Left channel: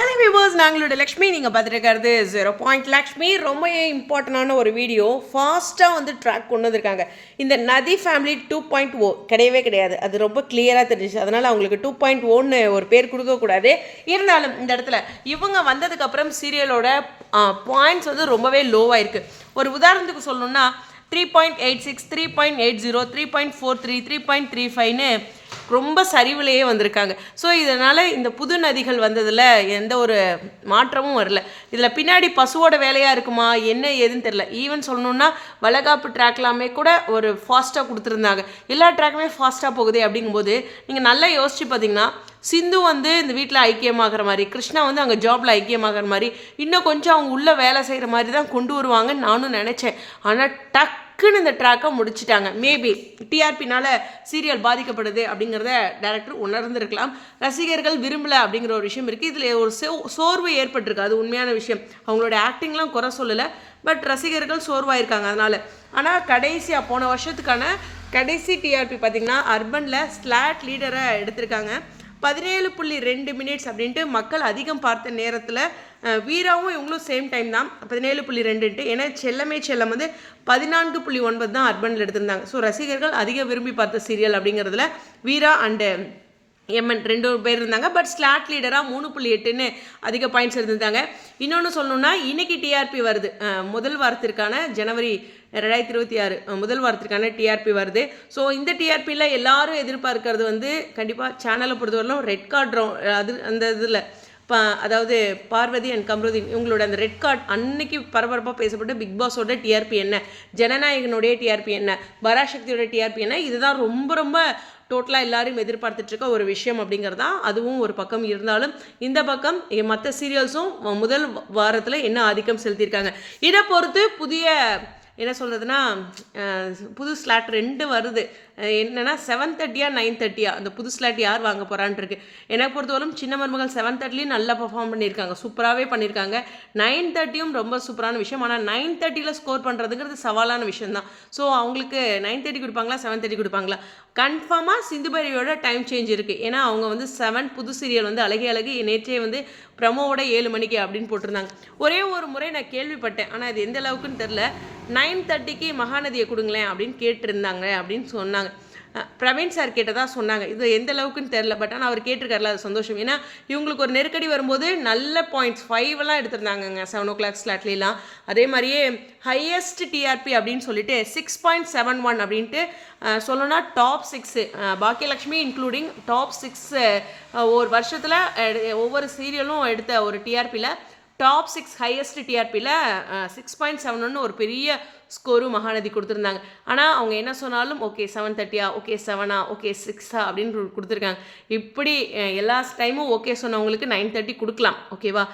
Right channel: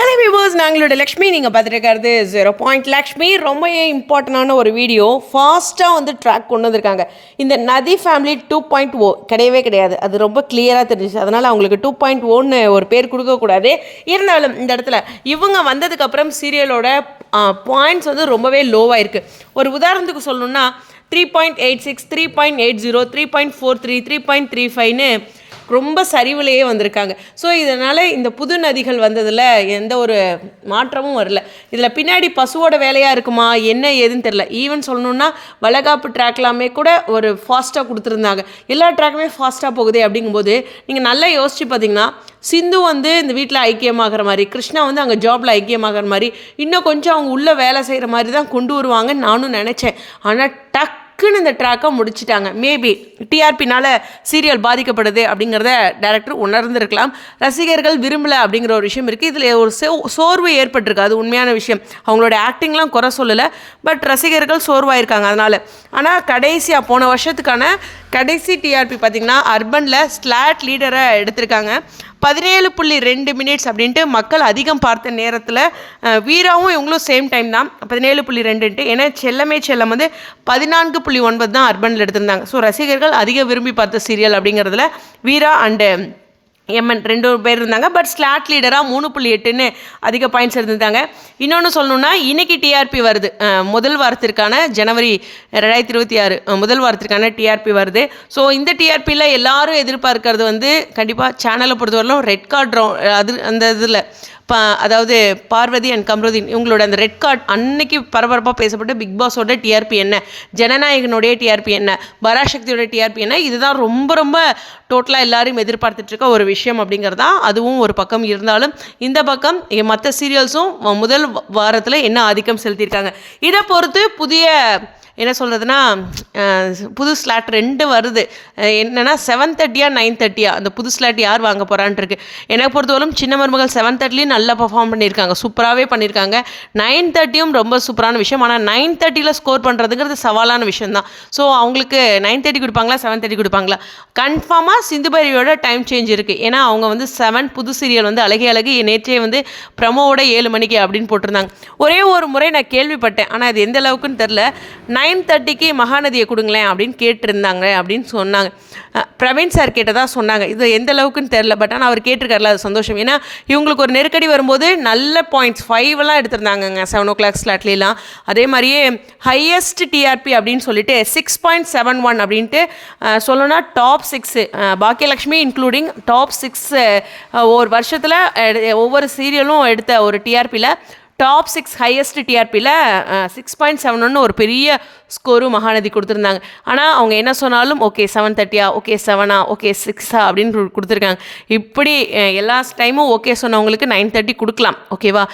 Hello viewers நாங்களோட Lakshmi நீங்கள் பார்த்துட்டு zero point Lakshmi ரொம்ப இம்பார்ட்டண்டான ஒரு வீடியோ ஃபாஸ்ட்டாக வந்து ட்ராக் கொண்டு வந்திருக்காங்க. இந்த நதி ஃபேமிலி டூ பாயிண்ட் ஓ? கிடையவே கிடையாது. அது ரொம்ப கிளியராக தெரிஞ்சிச்சு. அதனால் அவங்களுக்கு டூ பாயிண்ட் ஓன்னு ஒரு பேர் கொடுக்கக்கூடாது இருந்தாலும் இந்த இடத்துல இவங்க வந்ததுக்கப்புறம் சீரியலோட பாயிண்ட்ஸ் வந்து ரொம்பவே லோவாக இருக்குது ஒரு உதாரணத்துக்கு சொல்லணும்னா three point eight six three point eight zero three point four three three point three ஃபைவ்னு ரொம்ப சரிவுலேயே வந்திருக்காங்க. ஸோ இதனால் இந்த புது நதிகள் வந்ததில் எந்த ஒரு மாற்றமும் வரல. இதில் பின்னாடி பசுவோட வேலையாக இருக்குமா? என்ன ஏதுன்னு தெரில ஈவன் சொல்லணுன்னா வளகாப்பு ட்ராக்லாமே கூட ஒரு ஃபாஸ்ட்டாக கொடுத்துருந்தாங்க. எல்லா ட்ராக்குமே ஃபாஸ்ட்டாக போகுதே அப்படிங்கும்போது நீங்கள் நல்லா யோசிச்சு பார்த்தீங்கன்னா சிந்து வந்து இந்த வீட்டில் ஐக்கியமாகிற மாதிரி கிருஷ்ணா வந்து அங்கே ஜாபில் ஐக்கியமாகிற மாதிரி இன்னும் கொஞ்சம் அவங்க உள்ளே வேலை செய்கிற மாதிரி தான் கொண்டு வருவாங்கன்னு நானும் நினச்சேன். ஆனால் டக் டக்குன்னு இந்த ட்ராக்கை முடிச்சிட்டாங்க. மேபி டிஆர்பினால் சீரியல் பாதிக்கப்படுது அப்படிங்கிறத டேரக்டர் உணர்ந்திருக்கலாம். ரசிகர்கள் விரும்பலை அப்படிங்கிற ஒரு விஷயம் இருக்குது இதில் ஒரு சோ சோர்வு ஏற்பட்டிருக்கு. அது உண்மையான விஷயம். அவங்களோட ஆக்டிங்லாம் குறை சொல்லலை. பட் ரசிகர்கள் சோர்வாயிருக்காங்க அதனால். ஆனால் கடைசியாக போன வருஷத்துக்கான கடைசி டிஆர்பி பார்த்திங்கன்னா அர்பனில் ஸ்லாட் லீடரை எடுத்திருக்காங்க. பதினேழு புள்ளி ரெண்டு மினிட்ஸ் அப்படின்ட்டு மக்கள் அதிகம் பார்த்த நேரத்தில் வீராவும் இவங்களும் சேம் டைம் தான். பதினேழு புள்ளி ரெண்டுன்ட்டு. ஏன்னா செல்லமே செல்லம் வந்து பதினான்கு புள்ளி ஒன்பது தான் அர்பனில் எடுத்திருந்தாங்க. ஸோ ரசிகர்கள் அதிக விரும்பி பார்த்த சீரியல் அப்படிங்கிறதுல வீரா அண்டு எம்என் ரெண்டு பேர் இருந்தாங்க. பட் ஸ்லாட் லீடராக மூணு புள்ளி எட்டுன்னு அதிக பாயிண்ட்ஸ் இருந்திருந்தாங்க இன்னொன்று சொல்லணுன்னா இன்றைக்கி டிஆர்பி வருது. முதல் வாரத்திற்கான ஜனவரி ரெண்டாயிரத்தி இருபத்தி ஆறு முதல் வாரத்திற்கான டிஆர்பி வருது. ஸோ இந்த டிஆர்பியில் எல்லாரும் எதிர்பார்க்கறது வந்து கண்டிப்பாக சேனலை பொறுத்தவரையிலும் ரெட் கார்டு அது அந்த இதில். அதாவது பார்வதி அண்ட் கம்ருதீன் இவங்களோட அந்த ரெட் கார்டு அன்னைக்கு பரபரப்பாக பேசப்பட்டு பிக் பாஸோட டிஆர்பி என்ன? ஜனநாயகனுடைய டிஆர்பி என்ன? பராசக்தியோட டிஆர்பி என்ன? இதுதான் ரொம்ப ரொம்ப டோட்டலாக எல்லாரும் எதிர்பார்த்துட்டு இருக்க ஒரு விஷயம் அப்படிங்கிறது தான் அதுவும் ஒரு பக்கம் இருந்தாலும் இந்த பக்கம் மற்ற சீரியல்ஸும் முதல் வாரத்தில் என்ன ஆதிக்கம் செலுத்தியிருக்காங்க? இதை பொறுத்து புதிய என்ன சொல்கிறதுனா புது ஸ்லாட் ரெண்டு வருது. என்னென்னா செவன் தேர்ட்டியா நைன் தேர்ட்டியா அந்த புது ஸ்லாட் யார் வாங்க போகிறான்ட்டு இருக்கு எனக்கு பொறுத்தவரைக்கும் சின்ன மருமகள் செவன் தேர்ட்டிலையும் நல்லா பர்ஃபார்ம் பண்ணியிருக்காங்க. சூப்பராகவே பண்ணியிருக்காங்க. நைன் தேர்ட்டியும் ரொம்ப சூப்பரான விஷயம். ஆனால் நைன் தேர்ட்டியில் ஸ்கோர் பண்ணுறதுங்கிறது சவாலான விஷயம் தான் ஸோ அவங்களுக்கு நைன் தேர்ட்டி கொடுப்பாங்களா செவன் தேர்ட்டி கொடுப்பாங்களா? கன்ஃபார்மாக சிந்துபைரியோட டைம் சேஞ்ச் இருக்குது ஏன்னா அவங்க வந்து செவன் புது சீரியல் வந்து அழகே அழகு நேற்றே வந்து ப்ரமோவோட ஏழு மணிக்கு அப்படின்னு போட்டிருந்தாங்க. ஒரே ஒரு முறை நான் கேள்விப்பட்டேன். ஆனால் அது எந்த அளவுக்குன்னு தெரில நைன் தேர்ட்டிக்கு மகாநதியை கொடுங்களேன் அப்படின்னு கேட்டிருந்தாங்க அப்படின்னு சொன்னாங்க. பிரவீன் சார் கேட்டதாக சொன்னாங்க. இது எந்த அளவுக்குன்னு தெரில பட் ஆனால் அவர் கேட்டிருக்காருல அது சந்தோஷம். ஏன்னா இவங்களுக்கு ஒரு நெருக்கடி வரும்போது நல்ல பாயிண்ட்ஸ் ஃபைவ்லாம் எடுத்திருந்தாங்கங்க செவன் ஓ கிளாக் ஸ்லாட்லாம் அதே மாதிரியே ஹையஸ்ட் டிஆர்பி அப்படின்னு சொல்லிட்டு சிக்ஸ் பாயிண்ட் செவன் ஒன் அப்படின்ட்டு சொல்லணும்னா top six Bhagyalakshmi including top six ஒரு வருஷத்தில் ஒவ்வொரு சீரியலும் எடுத்த ஒரு டிஆர்பியில் டாப் சிக்ஸ் ஹையஸ்ட் டிஆர்பியில் சிக்ஸ் பாயிண்ட் செவன் ஒன்று ஒரு பெரிய ஸ்கோரு மகாநதி கொடுத்துருந்தாங்க. ஆனால் அவங்க என்ன சொன்னாலும் ஓகே செவன் தேர்ட்டியா ஓகே செவனா ஓகே சிக்ஸா அப்படின்னு கொடுத்துருக்காங்க. இப்படி எல்லா டைமும் ஓகே சொன்னவங்களுக்கு நைன் தேர்ட்டி கொடுக்கலாம். ஓகேவா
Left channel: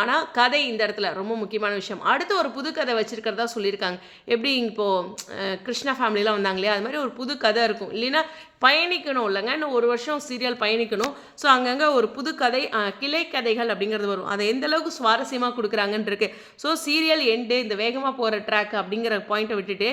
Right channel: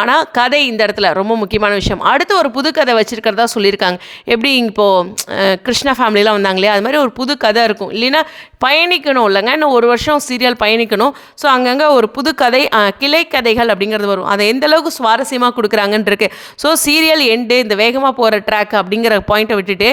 ஆனால் கதை இந்த இடத்துல ரொம்ப முக்கியமான விஷயம். அடுத்து ஒரு புது கதை வச்சுருக்கிறதா சொல்லியிருக்காங்க. எப்படி இப்போது கிருஷ்ணா ஃபேமிலிலாம் வந்தாங்களே அது மாதிரி ஒரு புது கதை இருக்கும். இல்லைன்னா பயணிக்கணும் இல்லைங்க. இன்னும் ஒரு வருஷம் சீரியல் பயணிக்கணும். ஸோ அங்கங்கே ஒரு புது கதை கிளை கதைகள் அப்படிங்கிறது வரும். அதை எந்த அளவுக்கு சுவாரஸ்யமாக கொடுக்குறாங்கன்னு இருக்கு ஸோ சீரியல் எண்டு இந்த வேகமாக போகிற ட்ராக் அப்படிங்கிற பாயிண்ட்டை விட்டுட்டு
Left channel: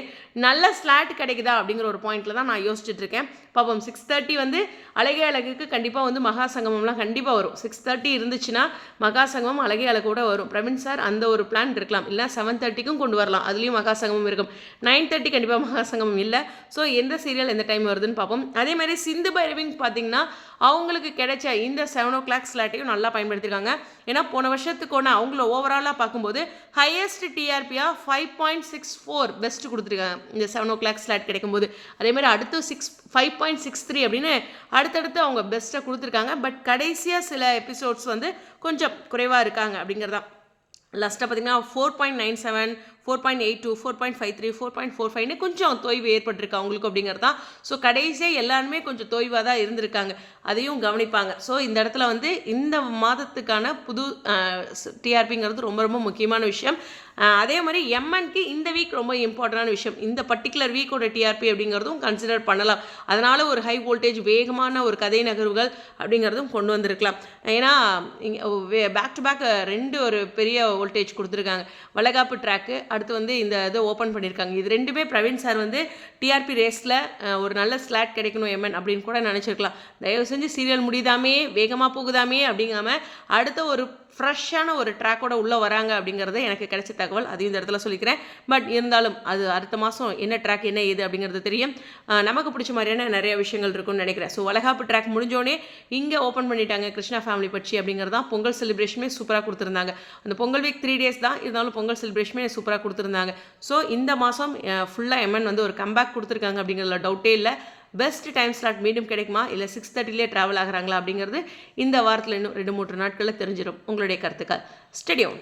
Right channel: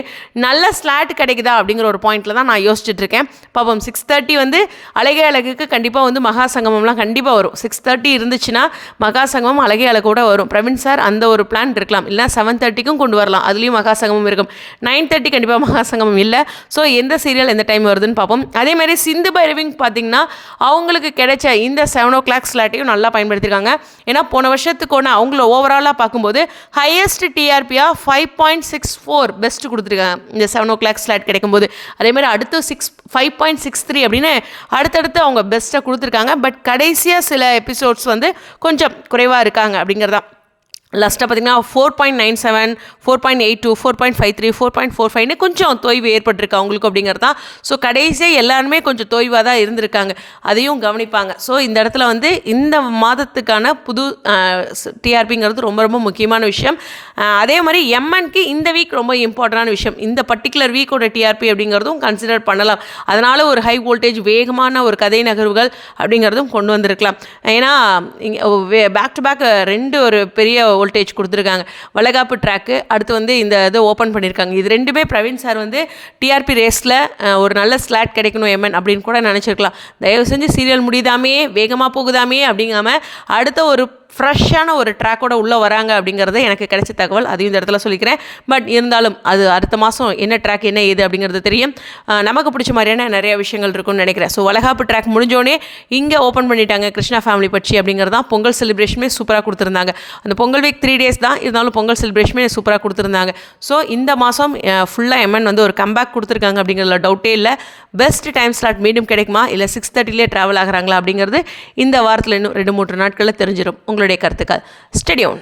நல்ல ஸ்லாட் கிடைக்குதா அப்படிங்கிற ஒரு பாயிண்ட்டில் தான் நான் யோசிச்சுட்டு இருக்கேன் பாப்போம் சிக்ஸ் தேர்ட்டி வந்து அழகே அழகுக்கு கண்டிப்பாக வந்து மகா சங்கமம்லாம் கண்டிப்பாக வரும். சிக்ஸ் தேர்ட்டி இருந்துச்சுன்னா மகா சங்கமம் அழகே அழகோட வரும். பிரவீன் சார் அந்த ஒரு பிளான் இருக்கலாம். இல்லை செவன் தேர்ட்டிக்கும் கொண்டு வரலாம். அதுலேயும் மகாசங்கமம் இருக்கும். நைன் தேர்ட்டி கண்டிப்பாக மகாசங்கமம் இல்லை. ஸோ எந்த சீரியல் எந்த டைம் வருதுன்னு பார்ப்போம் அதே மாதிரி சிந்து பைரவிங் பார்த்தீங்கன்னா அவங்களுக்கு கிடைச்ச இந்த செவன் ஓ கிளாக் ஸ்லாட்டையும் நல்லா பயன்படுத்தியிருக்காங்க ஏன்னா போன வருஷத்துக்கு ஒன்று அவங்கள ஓவராலாக பார்க்கும்போது highest டிஆர்பியாக five point six four best கொடுத்துருக்காங்க. இந்த செவன் ஓ கிளாக் ஸ்லாட் கிடைக்கும்போது. அதே மாதிரி அடுத்து six five point six three அப்படின்னு அடுத்தடுத்து அவங்க பெஸ்ட்டாக கொடுத்துருக்காங்க. பட் கடைசியாக சில எபிசோட்ஸ் வந்து கொஞ்சம் குறைவாக இருக்காங்க அப்படிங்கிறதான். லாஸ்ட்டாக பார்த்தீங்கன்னா four point nine seven four point eight two four point five three four point four ஃபைவ்னு கொஞ்சம் தொய்வு ஏற்பட்டிருக்கு அவங்களுக்கு அப்படிங்கிறது தான். ஸோ கடைசியாக எல்லாருமே கொஞ்சம் தொய்வாக தான் இருந்திருக்காங்க. அதையும் கவனிப்பாங்க. ஸோ இந்த இடத்துல வந்து இந்த மாதத்துக்கான புது டிஆர்பிங்கிறது ரொம்ப ரொம்ப முக்கியமான விஷயம். அதே மாதிரி எம்என்க்கு இந்த வீக் ரொம்ப இம்பார்ட்டண்டான விஷயம். இந்த பர்டிகுலர் வீக்கோட டிஆர்பி அப்படிங்கிறதும் கன்சிடர் பண்ணலாம். அதனால் ஒரு ஹை வோல்டேஜ் வேகமான ஒரு கதை நகர்வுகள் அப்படிங்கிறதும் கொண்டு வந்திருக்கலாம். ஏன்னா இங்கே பேக் டு பேக் ரெண்டு ஒரு பெரிய வோல்டேஜ் கொடுத்துருக்காங்க. வளகாப்பு ட்ராக்கு அடுத்து வந்து இந்த இதை ஓப்பன் பண்ணியிருக்காங்க இது ரெண்டுமே பிரவீன் சார் வந்து டிஆர்பி ரேஸில் ஒரு நல்ல ஸ்லாட் கிடைக்கணும் எம்என் அப்படின்னு கூட நினச்சிருக்கலாம். தயவு செஞ்சு சீரியல் முடியுதாமே வேகமாக போகுதாமே அப்படிங்காம அடுத்த ஒரு ஃப்ரெஷ்ஷான ஒரு ட்ராக்கோட உள்ளே வராங்க அப்படிங்கிறது எனக்கு கிடைச்ச தகவல். அதையும் இந்த இடத்துல சொல்லிக்கிறேன். பட் இருந்தாலும் அது அடுத்த மாதம் என்ன ட்ராக் என்ன ஏது அப்படிங்கிறது தெரியும். நமக்கு பிடிச்ச மாதிரியான நிறைய விஷயங்கள் இருக்கும்னு நினைக்கிறேன். ஸோ வளகாப்பு ட்ராக் முடிஞ்சோடனே இங்கே ஓப்பன் பண்ணிட்டாங்க கிருஷ்ணா ஃபேமிலி பற்றி அப்படிங்கிறது தான். பொங்கல் செலிப்ரேஷனுமே சூப்பராக கொடுத்துருந்தாங்க. அந்த பொங்கல் வீக் த்ரீ டேஸ் தான் இருந்தாலும் பொங்கல் செலிப்ரேஷனுமே சூப்பராக கொடுத்துருந்தாங்க. ஸோ இந்த மாதம் ஃபுல்லாக எம்என் வந்து ஒரு கம்பேக் கொடுத்துருக்காங்க அப்படிங்கிறதுல டவுட்டே இல்லை. பெஸ்ட் டைம் ஸ்லாட் மீண்டும் கிடைக்குமா? இல்லை சிக்ஸ் தேர்ட்டிலே ட்ராவல் ஆகுறாங்களா அப்படிங்கிறது இந்த வாரத்தில் இன்னும் ரெண்டு மூன்று நாட்களில் தெரிஞ்சிடும் உங்களுடைய கருத்துக்கள். ஸ்டெடியோன்